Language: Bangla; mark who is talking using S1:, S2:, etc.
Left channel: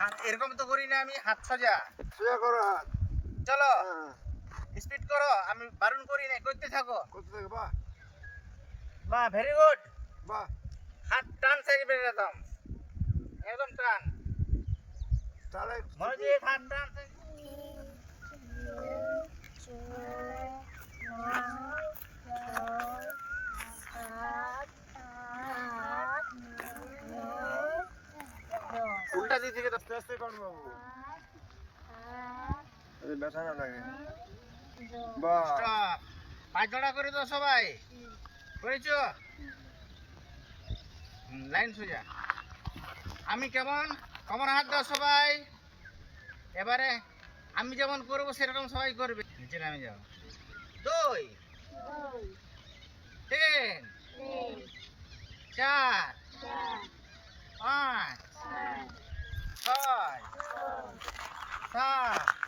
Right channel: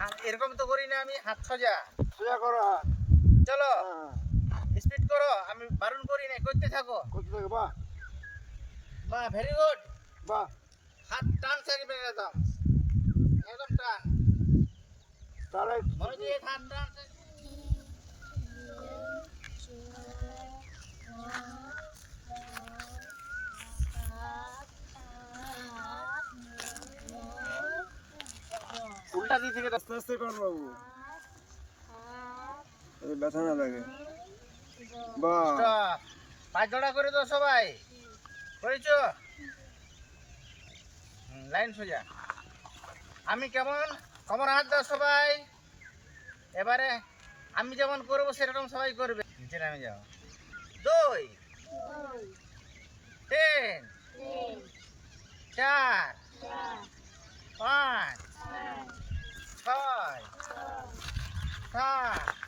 S1: এরকম তো করি না আমি হাত সোজা।
S2: সোজা করো
S1: চলো
S2: হ্যাঁ।
S1: স্পিড করো আমি বারণ করি না করতে থাকো।
S2: করতে থাকো বাহ।
S1: বাহ ভেরি গুড
S2: বাহ।
S1: হাত টান সাইড থাকবে একদম একদম টান।
S2: তাহলে
S1: মনোযোগ হাত টান থাকবে। দিক থেকে
S2: আস্তে আস্তে কর বাবু। ব্যথা না লাগে। বাহ।
S1: পাঁচ জোড়া করে দাও সবাই। করেছ? লাইন সোজা। আমি কেমন? কমর হাত দাও সবাই। এবারে আমি যেমন করব সেরকম সবাই করবে। নিচে নামে যাও। দুই তিন চার পাঁচ ছয় সাত